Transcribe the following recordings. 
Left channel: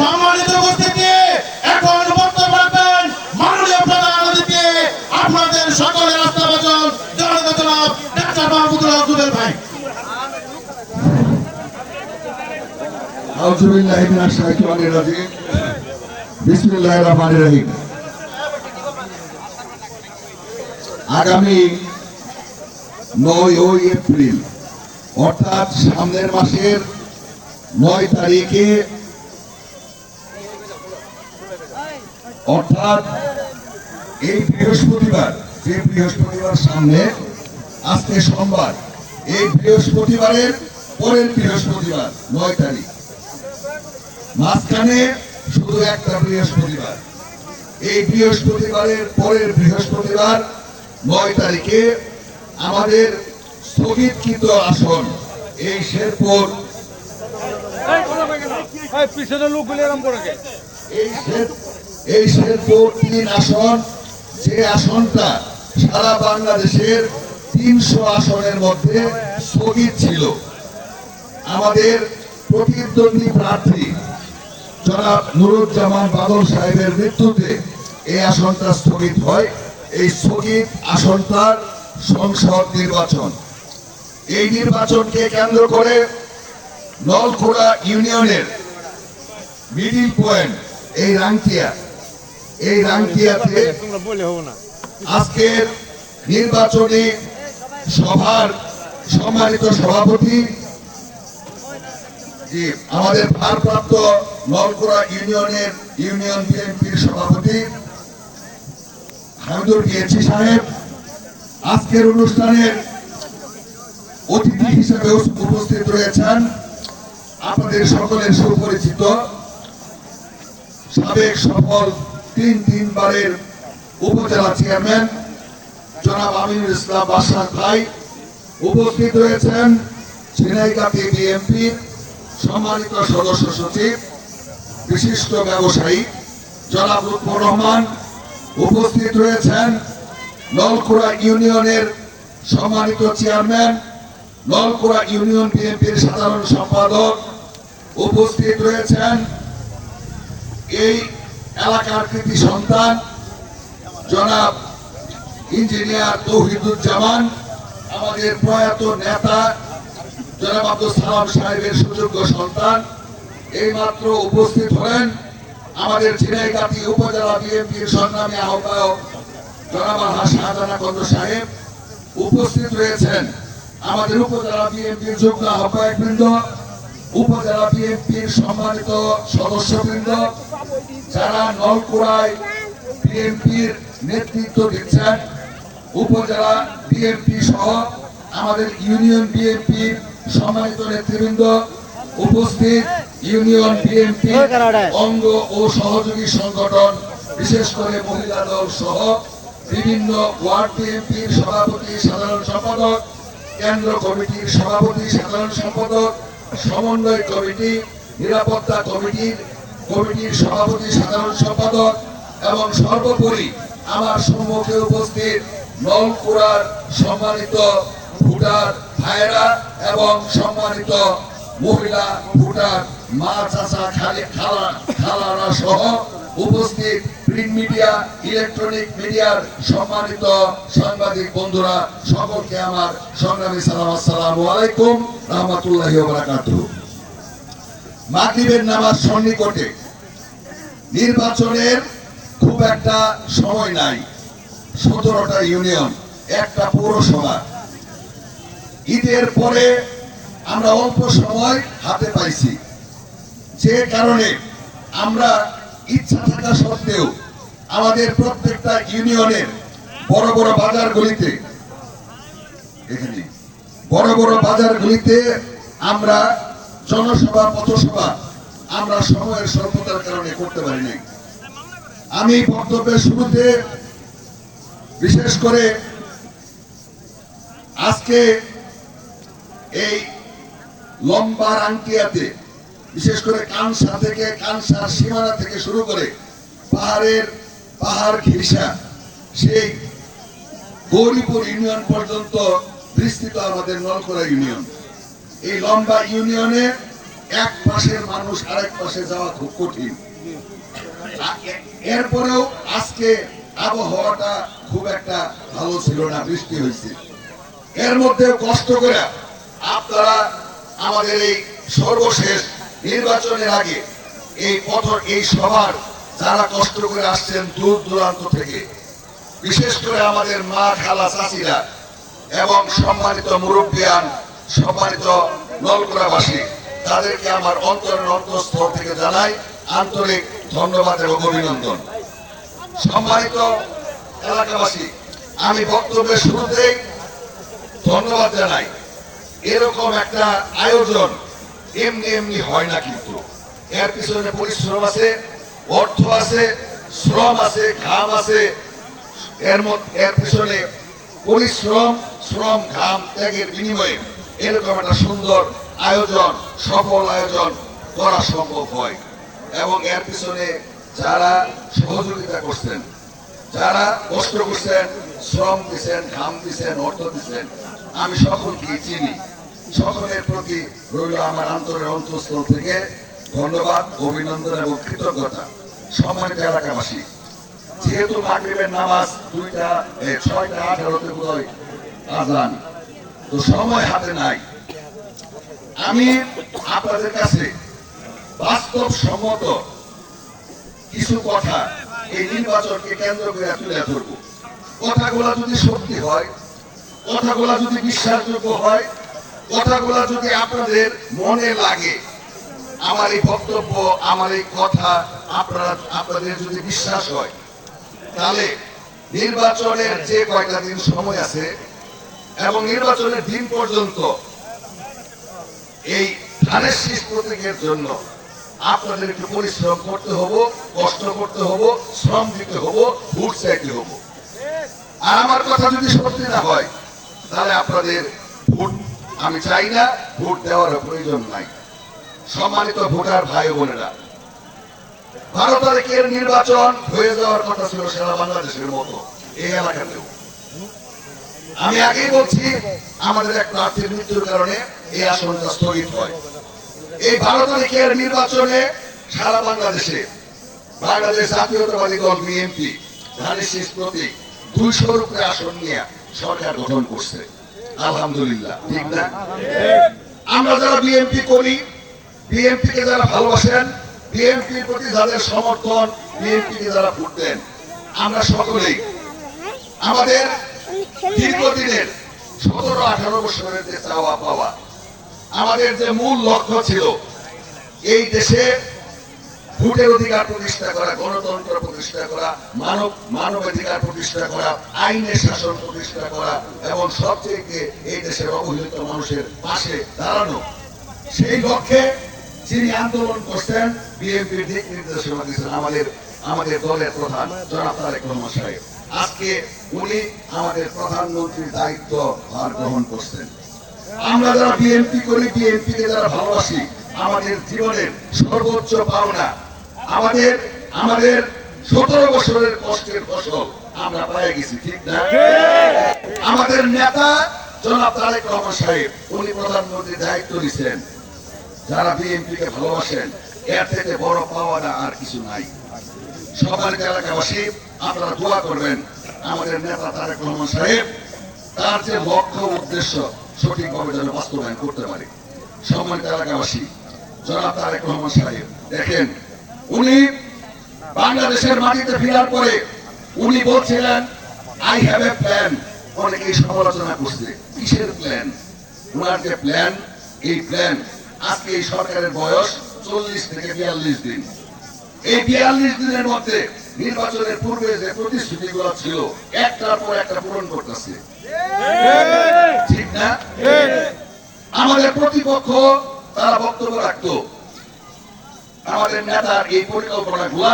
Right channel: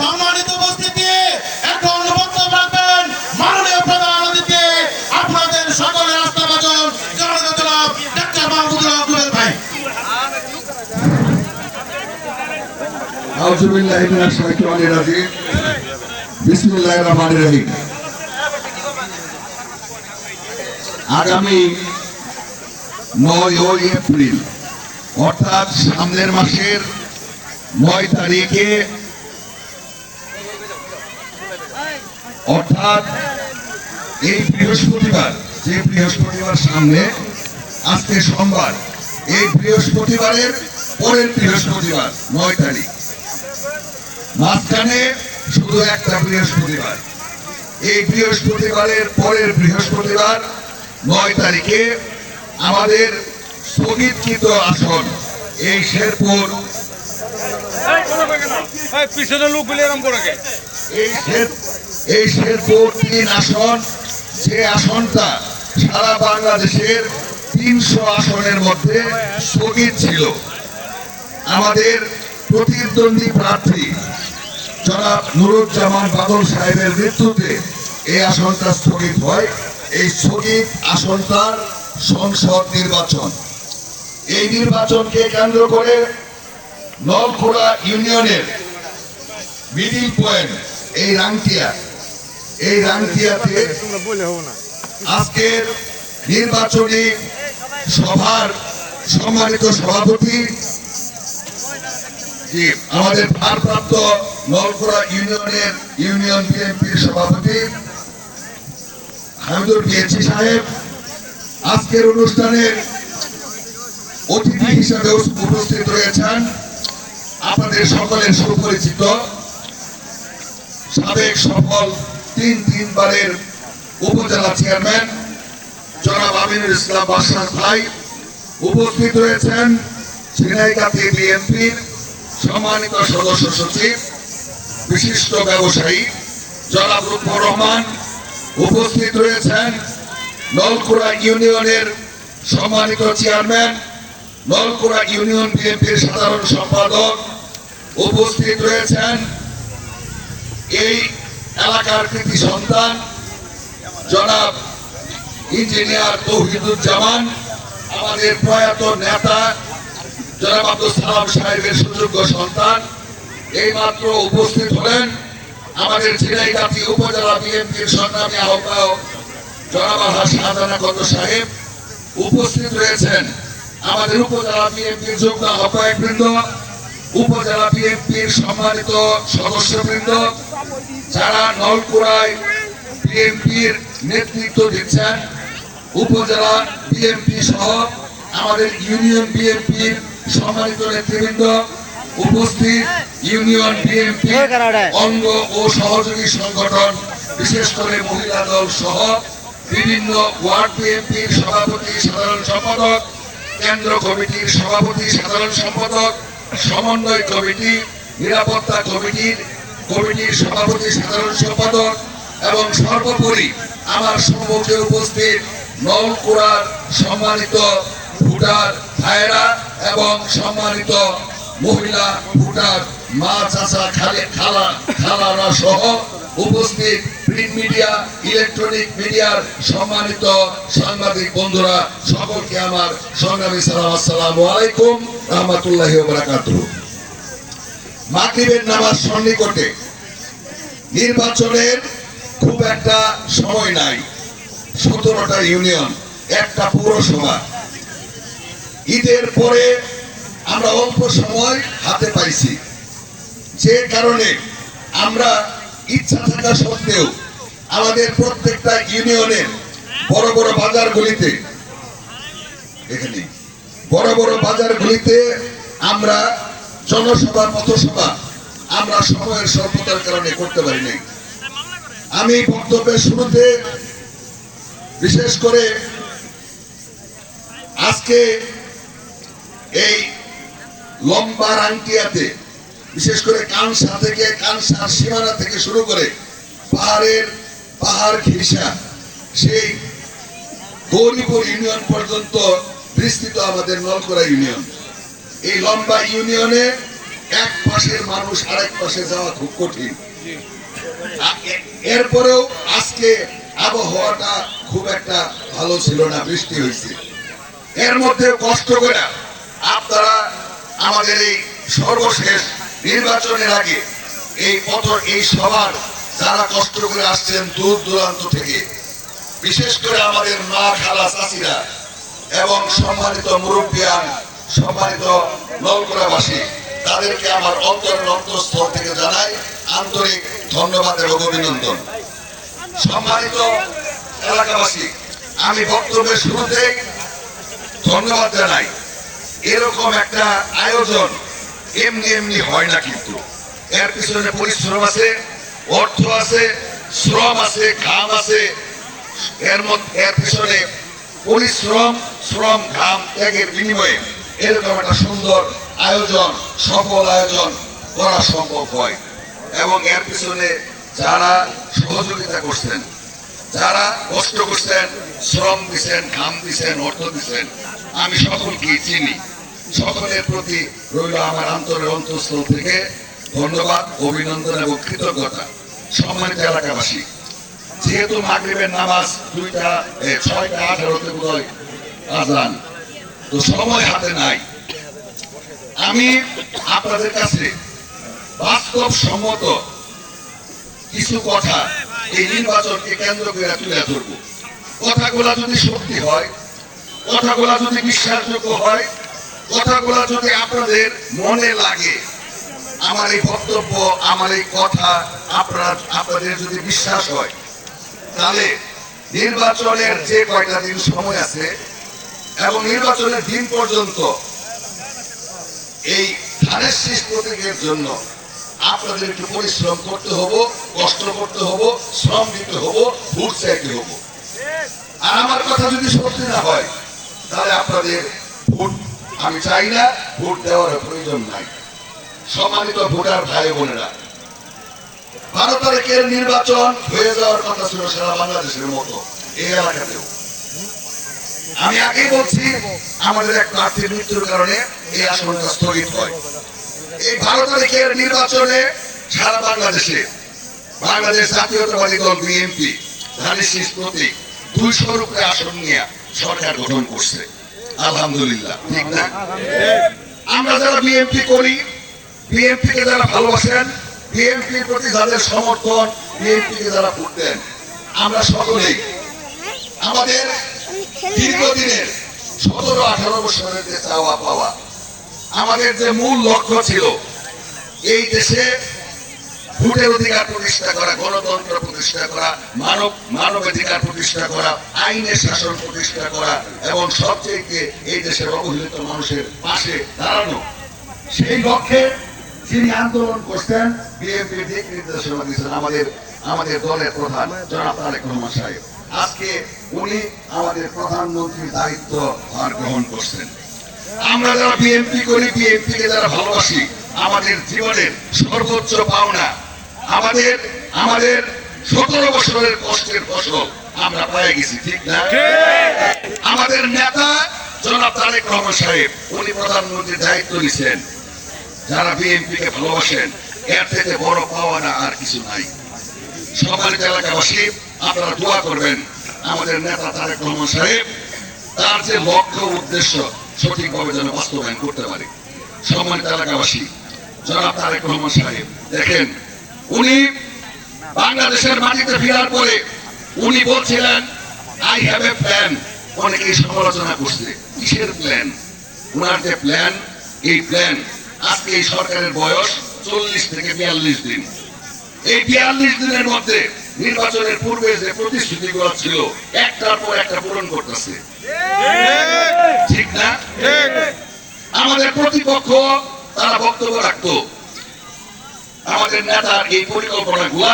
সম্মানিত উপস্থিতি, এখন বক্তব্য রাখবেন মাননীয় প্রধান অতিথি আপনাদের সকলের আস্থাভাজন জনাব ডাক্তার মাহমুদুল হক রুবেল ভাই। আউযুবিল্লাহি মিনাশ শাইতানির রাজিম। বিসমিল্লাহির রহমানির রহিম। আগামী 9 এপ্রিল অর্থাৎ সামনের মাসের 9 তারিখে অর্থাৎ এই বৃহস্পতিবার, যে বৃহস্পতিবার সামনে, আজকে সোমবার, এই বৃহস্পতিবারের পরের বৃহস্পতিবার 9 তারিখ, মাঝখানে শুধু একটা বৃহস্পতিবার। এই বৃহস্পতিবারের পরের বৃহস্পতিবার 9 তারিখে আমাদের স্থগিতকৃত আসন এই শেরপুর, এই শেরপুর 3 আসন, যে আসনটা সারা বাংলাদেশের 300 আসনের মধ্যে স্থগিত ছিল। আমাদের প্রতিদ্বন্দ্বী প্রার্থী জনাব নুরুজ্জামান বাদল সাহেবের মৃত্যুতে এই আসনটা স্থগিত হয়। এই স্থগিত আসনটার সংসদ নির্বাচন, এই নির্বাচনকে কেন্দ্র করে নলখোলা ইউনিয়নের মিডিল পয়েন্ট এই রাংটিয়াতে আজকের নির্বাচনী সভার সম্মানিত সভাপতি, আমাদের ভারপ্রাপ্ত নলখোলা ইউনিয়ন বিএনপির সভাপতি হামিদুর পিএইচি সাহেব, আজকের অনুষ্ঠানের অতিথি হিসেবে উপস্থিত রয়েছেন আপনাদের সকলের সুপরিচিত সাবেক সফল তিনবারের উপজেলা চেয়ারম্যান জনাব আমিনুল ইসলাম বাদশাহ ভাই। উপস্থিত রয়েছেন ঝিনাইগাতি বিএনপির সম্মানিত সদস্য সচিব, বিশিষ্ট ব্যবসায়ী জনাব লুৎফর রহমান। উপস্থিত রয়েছেন নলখোলা ইউনিয়নের সম্মানিত চেয়ারম্যান, নলখোলা ইউনিয়ন বিএনপির সাধারণ সম্পাদক। উপস্থিত রয়েছেন এই এলাকার কৃতি সন্তান জনাব ইঞ্জিনিয়ার তৌহিদুজ্জামান, আমাদের প্রয়াত নেতা জনাব আব্দুল সালাম সাহেবের সুযোগ্য সন্তান। এইমাত্র উপস্থিত হলেন আমাদের ঝিনাইগাতি উপজেলা বিএনপির সংগ্রামী আহ্বায়ক জনাব আলহাজ শাহজাহান কত সাহেব। উপস্থিত রয়েছেন আমাদের উপজেলা বিএনপির যুগ্ম আহ্বায়কবৃন্দ, উপজেলা বিএনপির সম্মানিত সদস্যবৃন্দ, যারা নলখোলায় বিএনপির নেতৃত্ব দিচ্ছেন, উপজেলা বিএনপি সহ আমাদের ইউনিয়ন বিএনপির সম্মানিত নেতৃবৃন্দ, উপস্থিত ইউনিয়ন বিএনপি অঙ্গ ও সহযোগী সংগঠন, বিশেষ করে মহিলা দল সহ বিভিন্ন ওয়ার্ড বিএনপির সভাপতি, সাধারণ সম্পাদক, কেন্দ্র কমিটির সভাপতি, সাধারণ সম্পাদক, সমন্বয় কমিটি, নিরাপত্তা কমিটির সভাপতি, সাধারণ সম্পাদক, এবং সর্বোপরি আমার সম্মুখে উপস্থিত নলখোলার সম্মানিত ভোটার ভাইয়েরা এবং সম্মানিত মহিলা ভোটার মা, চাচা, খালারা সহ উপস্থিত প্রিন্ট মিডিয়া, ইলেকট্রনিক মিডিয়ার সম্মানিত সাংবাদিক বন্ধুরা, সকলকে আমার সংগ্রামী সালাম, আসসালামু আলাইকুম রাহমাতুল্লাহি ওয়া বারাকাতুহু। মাগরিবের নামাজ সন্নিকটে, নির্বাচনের খুব একটা সময় নাই, 17টা ইউনিয়ন, একটা পৌরসভা। ঈদের পরে আমরা অল্প সময় হাতে পাইছি, যে কারণে আমরা ইচ্ছা থাকা সত্ত্বেও আমাদের প্রত্যেকটা ইউনিয়নের বড় বড় বাজারগুলিতে আমরা জনসভা, পথসভা আমরা সময়ের স্বল্পতার কারণে করতে পারিনি। আমি বক্তব্যের শুরুতে বিশেষ করে আজকে এই লম্বা রাংটিয়াতে, বিশেষ করে কানসার সীমানা থেকে শুরু করে পাহাড় ঘেঁষা সেই গৌরীপুর ইউনিয়ন পর্যন্ত বিস্তৃত আমাদের নলখোলা ইউনিয়ন। এই লম্বা ইউনিয়নে এক পাশের মানুষ আরেক পাশে যাওয়া খুব কঠিন। এরপরেও আজকে আবহাওয়াটা খুব একটা ভালো ছিল না, বৃষ্টি হয়েছে। এর মধ্যে কষ্ট করে আপনারা আমাদের এই সর্বশেষ নির্বাচনের আগে এই সবার যারা কষ্ট করে আসছেন দূর দূরান্ত থেকে, বিশেষ করে আমাদের মা খালা চাচিরা এবং সম্মানিত মুরব্বিয়ান, সম্মানিত নলকুড়াবাসী, তাদেরকে আমার অন্তঃস্থল থেকে জানাই আন্তরিক ধন্যবাদ এবং অভিনন্দন। সম্মানিত এলাকাবাসী, আমি বক্তব্যের শুরুতে ধন্যবাদ জানাই। এরকম একটা আয়োজন এমনি এমনি হয় না, কিন্তু এর পিছনে পরিশ্রম আছে, অর্থ আছে, শ্রম আছে, ঘাম আছে। এর পিছনে পরিশ্রম, শ্রম, ঘাম, ত্যাগের বিনিময়ে এরকম একটা সুন্দর আয়োজন, সফল আয়োজন করা সম্ভব হয়। এবং এর পিছনে যারা সহযোগিতা করছেন, যারা কষ্ট করছেন, শ্রম দিচ্ছেন, ঘাম দিচ্ছেন, অর্থ দিচ্ছেন, আমি সকলকে চিনি। সকলের প্রতি রইল আমার অন্তঃস্থল থেকে ধন্যবাদ, অভিনন্দন এবং কৃতজ্ঞতা। সম্মানিত এলাকাবাসী, যেহেতু মাগরিবের নামাজ 6:18 বোধহয় আজান, তো সময় হাতে নাই। আমি আপনাদের কাছে বাস্তবসম্মত কিছু কথা এই নির্বাচনকে কেন্দ্র করে তুলে ধরব। কথাগুলা যদি সত্যি হয়, কথাগুলা যদি বিশ্বাসযোগ্য হয়, কথাগুলা যদি আপনাদের মনে লাগে, আমার এই বক্তব্য, আমার এই কথা আপনাদের যদি বিশ্বাস হয়, তাহলে নির্বাচনের যে কয়টা দিন সময় আছে এবং নির্বাচনের দিন পর্যন্ত এই ধানের শীষ প্রতীকের জন্য আপনাদের একটু পরিশ্রম করতে হবো, কষ্ট করতে হবো, শ্রম দিতে হবো, ভোট চাইতে হবো। আর আমার কথা যদি সত্যি না হয়, তাহলে আপনাদের ভোট আমি চাই না, ভোট দেওয়ার প্রয়োজন নাই। সম্মানিত ভোটার ভাই বোনেরা, 12 তারিখের নির্বাচন হয়ে যাওয়ার কথা ছিল সারা বাংলাদেশের মতো এই এলাকাতেও। আমি আগেই বলছি, আমাদের এক প্রার্থীর মৃত্যুর কারণে এই আসনটা স্থগিত হয়। এই 12 তারিখের নির্বাচনে সারা বাংলাদেশে বাংলাদেশ জাতীয়তাবাদী দল বিএনপি ধানের শীষ প্রতীক 200-র উপরে আসন নিয়ে সরকার গঠন করছে। আলহামদুলিল্লাহ, ঠিক না? আমরা যারা বিএনপি করি, বিএনপি কে যারা ভালোবাসেন, বিএনপির প্রতি যাদের সমর্থন, বিএনপি কে যারা ভোট দেন, আমরা সকলেই আমাদের দীর্ঘদিনের 17-18 বছরের যে চাওয়া পাওয়া, আমাদের যে মূল লক্ষ্য ছিল এই দেশে ভোটের অধিকার প্রতিষ্ঠা করা, গণতন্ত্র প্রতিষ্ঠা করা, মানবাধিকার প্রতিষ্ঠা করা, আইনের শাসন প্রতিষ্ঠা করা এবং সবচেয়ে এই দেশের অবহেলিত মানুষের পাশে দাঁড়ানো, সেই লক্ষ্যে যিনি আন্দোলন করছেন, বিএনপির দিক নির্দেশনা দিচ্ছেন আমাদের দলের প্রধান জনাব তারেক রহমান সাহেব। আজকে উনি আমাদের প্রধানমন্ত্রীর দায়িত্ব ভার গ্রহণ করছেন। আমরা যারা বিএনপি করি, বিএনপি কে যারা ভালোবাসি, আমাদের জীবনের সর্বোচ্চ পাওনা, আমাদের 17 বছরের কষ্টের ফসল আমরা পেয়ে গেছি, ঠিক না? আমাদের নেতা জনাব তারেক রহমান সাহেব, উনি প্রধানমন্ত্রীর দায়িত্ব নিছেন। যারা বিএনপি কে ভালোবাসেন, এর থেকে বড় পাওনা আর কিছু নাই। সম্মানিত এলাকাবাসী, আপনারা দোয়া করবেন আমাদের নেতা তারেক রহমান সাহেব তার যে লক্ষ্য উদ্দেশ্য সঠিকভাবে যেন বাস্তবায়ন করতে পারে। সম্মানিত এলাকাবাসী, জনাব তারেক রহমান সাহেব দেখেন, উনি বাংলাদেশের মাটিতে ফেরার পরে উনি বলছিলেন আই হ্যাভ এ প্ল্যান। অনেকেই সমালোচনা করছে, কিসের প্ল্যান? ওনার যে প্ল্যান, এই প্ল্যান আজকে এই সরকারের বয়স 40 থেকে 42 দিন। এই 42 দিনের মধ্যে নির্বাচনের পূর্বে যে প্রতিশ্রুতিগুলো ছিল একটার পর একটা পূরণ করতেছে, ঠিক না? আমাদের প্রতিপক্ষ তারা বক্তব্য রাখতো, আমাদের নেতার এই পরিকল্পনাগুলা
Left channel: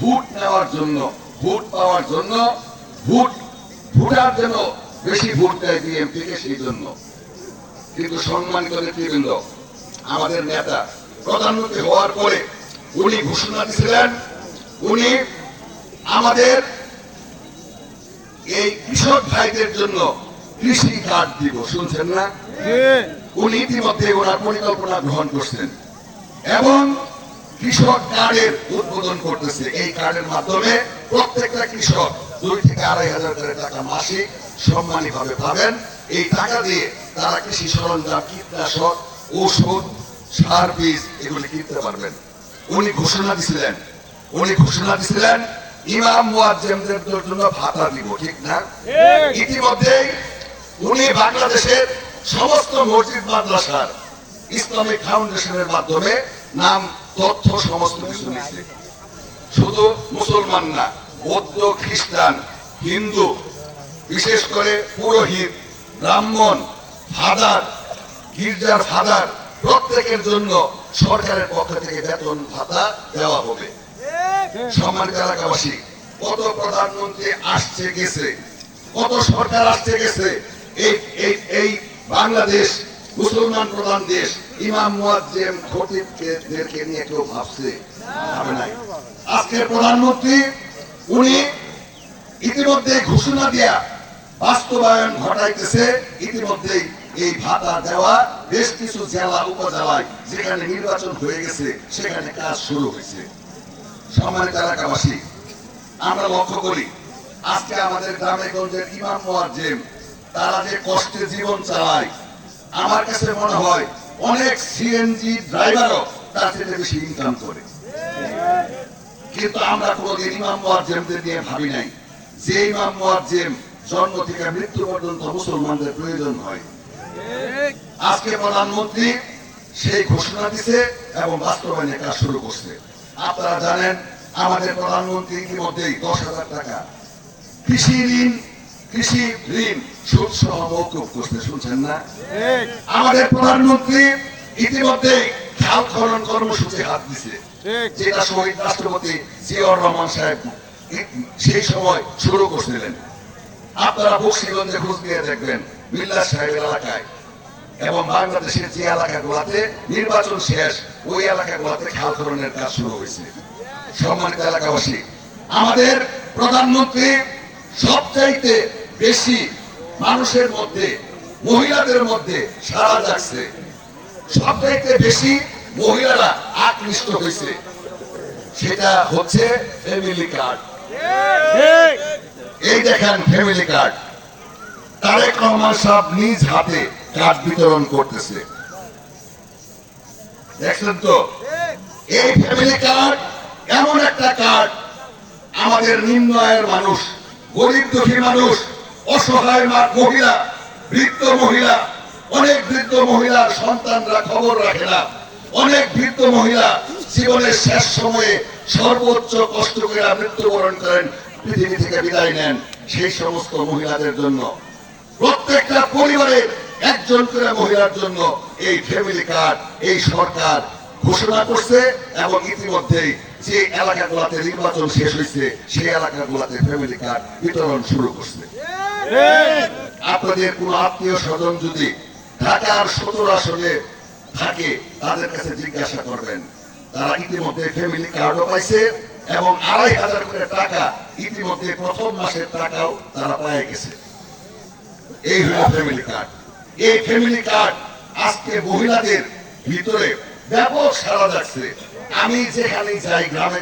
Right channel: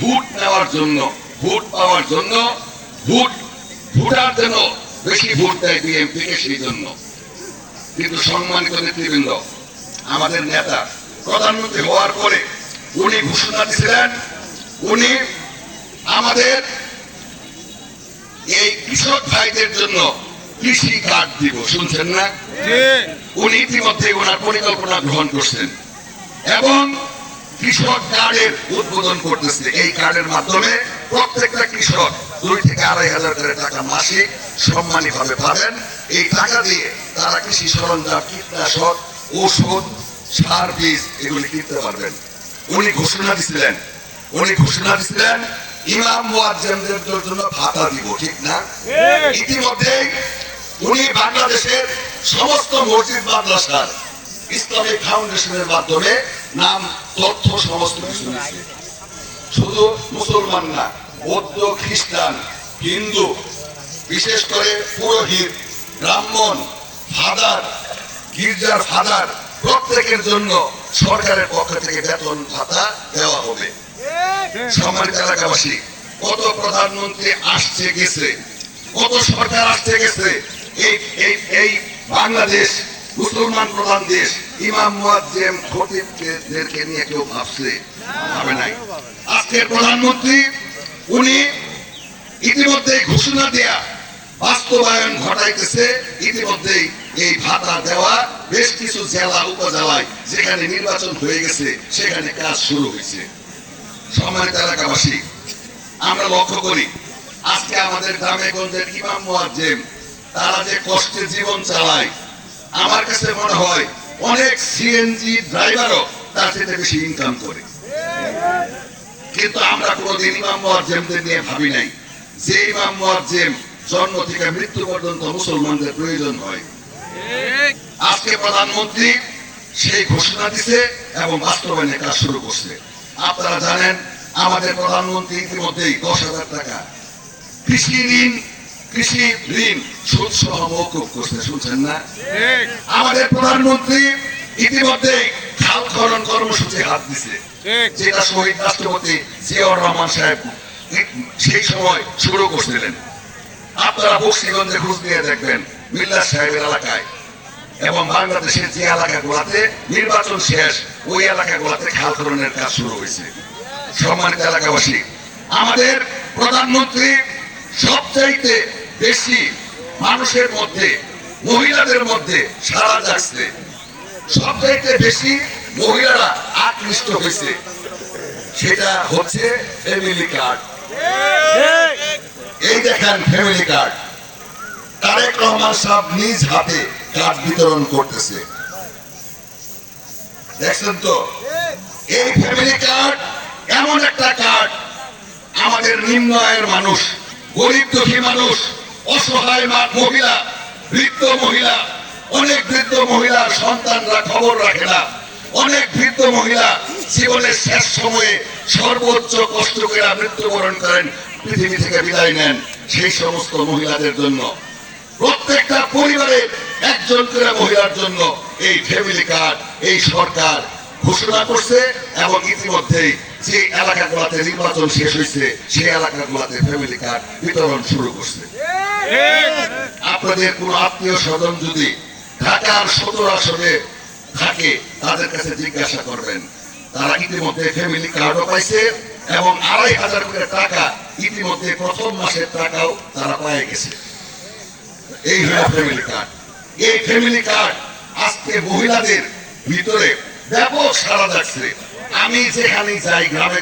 ভোট নেওয়ার জন্য, ভোট পাওয়ার জন্য, ভোটার জন্য বেশি ভোট দেয় বিএনপি কে, সেই জন্য। কিন্তু সম্মানিত নেতৃবৃন্দ, আমাদের নেতা প্রধানমন্ত্রী হওয়ার পরে উনি ঘোষণা দিয়েছিলেন, উনি আমাদের এই কৃষক ভাইদের জন্য কৃষি কার্ড দিব। শুনছেন না? উনি ইতিমধ্যে ওনার পরিকল্পনা গ্রহণ করছেন। এবং কৃষক কার্ডের উদ্বোধন করতেছে। এই কার্ডের মাধ্যমে প্রত্যেকটা কৃষক 2 থেকে 2,500 করে টাকা মাসিক সম্মানীভাবে পাবেন। এই টাকা দিয়ে তারা কৃষি সরঞ্জাম, কীটনাশক, ওষুধ, সার, বীজ এগুলি কিনতে পারবেন। উনি ঘোষণা দিছিলেন ইমাম মুয়াজ্জিনদের জন্য ভাতা দিব, ঠিক না? ইতিমধ্যে উনি বাংলাদেশের সমস্ত মসজিদ মাদ্রাসার ইসলামিক ফাউন্ডেশনের মাধ্যমে নাম, তথ্য সমস্ত কিছু নিচ্ছে। শুধু মুসলমান না, বৌদ্ধ, খ্রিস্টান, হিন্দু, বিশেষ করে পুরোহিত, ব্রাহ্মণ, ফাদার, গির্জার ফাদার প্রত্যেকের জন্য সরকারের পক্ষ থেকে বেতন ভাতা দেওয়া হবে। সম্মানিত এলাকাবাসী, কত প্রধানমন্ত্রী আসছে গেছে, কত সরকার আসছে গেছে, এই বাংলাদেশ মুসলমান প্রধান দেশ, ইমাম মুয়াজ্জিন খতিবদেরকে নিয়ে কেউ ভাবে নাই। আজকের প্রধানমন্ত্রী উনি ইতিমধ্যে ঘোষণা দেয়া বাস্তবায়ন ঘটাইতেছে। ইতিমধ্যেই এই ভাতা দেওয়া বেশ কিছু জেলা, উপজেলায় যেখানে নির্বাচন হয়ে গেছে সেখানে কাজ শুরু হয়েছে। সম্মানিত এলাকাবাসী, আমরা লক্ষ্য করি আজকে আমাদের গ্রামে গঞ্জের ইমাম মুয়াজ্জিন তারা যে কষ্টে জীবন চালায়, আমার কাছে মনে হয় অনেক সিএনজি ড্রাইভারও তার থেকে বেশি ইনকাম করে। কিন্তু আমরা কোনোদিন ইমাম মুয়াজ্জিনদের নিয়ে ভাবি নাই যে ইমাম মুয়াজ্জিন জন্ম থেকে মৃত্যু পর্যন্ত মুসলমানদের প্রয়োজন হয়। আজকে প্রধানমন্ত্রী সেই ঘোষণা দিছে এবং বাস্তবায়নের কাজ শুরু করছে। আপনারা জানেন আমাদের প্রধানমন্ত্রী ইতিমধ্যেই 10,000 টাকা কৃষি ঋণ সুদ সহ মওকুফ করছে, শুনছেন না? আমাদের প্রধানমন্ত্রী ইতিমধ্যে খাল খনন কর্মসূচি হাত দিছে, যেটা শহীদ রাষ্ট্রপতি জিয়াউর রহমান সাহেব সেই সময় শুরু করছিলেন। আপনারা বক্সিগঞ্জে খোঁজ দিয়ে দেখবেন মিল্লাত সাহেবের এলাকায় এবং বাংলাদেশের যে এলাকাগুলোতে নির্বাচন শেষ ওই এলাকাগুলোতে খাল খননের কাজ শুরু হয়েছে। সম্মানিত এলাকাবাসী, আমাদের প্রধানমন্ত্রী সবচাইতে বেশি মানুষের মধ্যে, মহিলাদের মধ্যে সাড়া জাগছে, সবচাইতে বেশি মহিলারা আকৃষ্ট হয়েছে, সেটা হচ্ছে ফ্যামিলি কার্ড। এই দেখেন ফ্যামিলি কার্ড, তারেক রহমান সাহেব নিজ হাতে কার্ড বিতরণ করতেছে, দেখছেন তো? এই ফ্যামিলি কার্ড এমন একটা কার্ড আমাদের নিম্ন আয়ের মানুষ, গরিব দুঃখী মানুষ, অসহায় মহিলা, বৃদ্ধ মহিলা, অনেক বৃদ্ধ মহিলার সন্তানরা খবর রাখে না, অনেক বৃদ্ধ মহিলা জীবনের শেষ সময়ে সর্বোচ্চ কষ্ট করে মৃত্যুবরণ করেন, পৃথিবী থেকে বিদায় নেন। সেই সমস্ত মহিলাদের জন্য প্রত্যেকটা পরিবারের একজন করে মহিলার জন্য এই ফ্যামিলি কার্ড এই সরকার ঘোষণা করছে এবং ইতিমধ্যেই যে এলাকাগুলোতে নির্বাচন শেষ হয়েছে সেই এলাকাগুলোতে ফ্যামিলি কার্ড বিতরণ শুরু করছে। আপনাদের কোন আত্মীয় স্বজন যদি ঢাকার 17 আসনে থাকে তাদের কাছে জিজ্ঞাসা করবেন, তারা ইতিমধ্যে ফ্যামিলি কার্ডও পাইছে এবং 2,500 করে টাকা ইতিমধ্যে প্রথম মাসের টাকাও তারা পেয়ে গেছে। এই হলো ফ্যামিলি কার্ড। এই ফ্যামিলি কার্ড আজকে মহিলাদের ভিতরে ব্যাপক সাড়া যাচ্ছে। আমি যেখানে যাই গ্রামে